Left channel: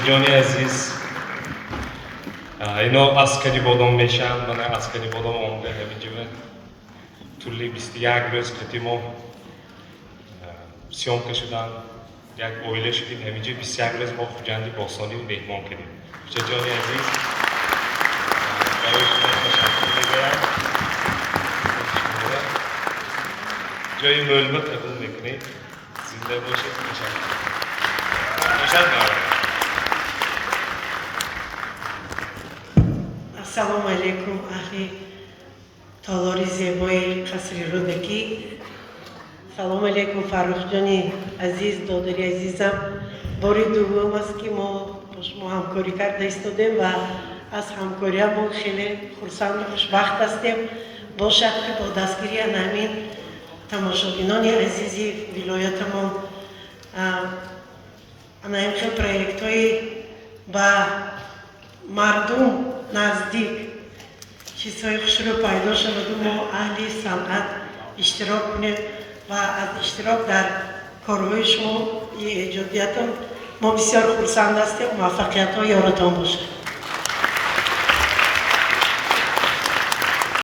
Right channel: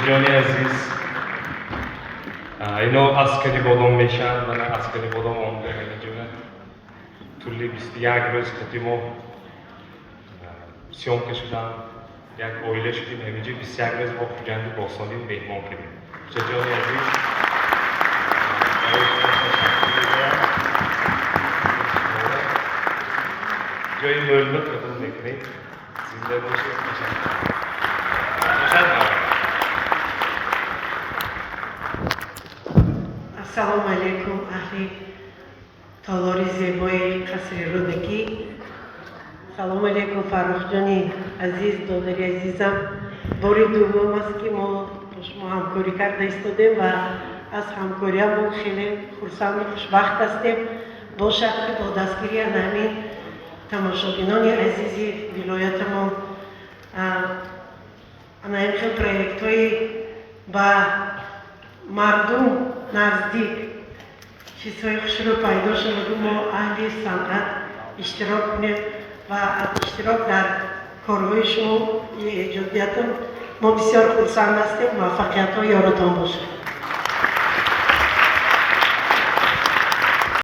جانی عزیز اینا عسکری بودم میشن من عسکری بودم آمده همینجوره طولی 21 روز کتیمو سیوم کشیدم یک اویله شدیم همینجوری 21 روز با خوجندی باستانی مهمان کردیم جانی عزیز برای شما تشکر می‌کنم جای ملمت قبول میکنید زنده باشید تشکر السلام علیکم اهل تالاری زیبای قصر رودکی. سلام علیکم فرخ جانی عزیز دادری عزیزم. باری دوم است که ما با شما همکاری کرده ایستادیم و از همکاری ما خیلی خرسند و خوشبخت هستیم. باشد که با دستگیری همین تماشاگران عزیزی ولایت ما همین خیلی پروژه های با مردم نزدیک چیزهای خوش رو پیدا شد و ما اهل صنعت اشتراک کنیم و اشتراک در کارهای شما ایجادیت ما بسیار خرسند هستیم. موفقیت ها یارتان باشه.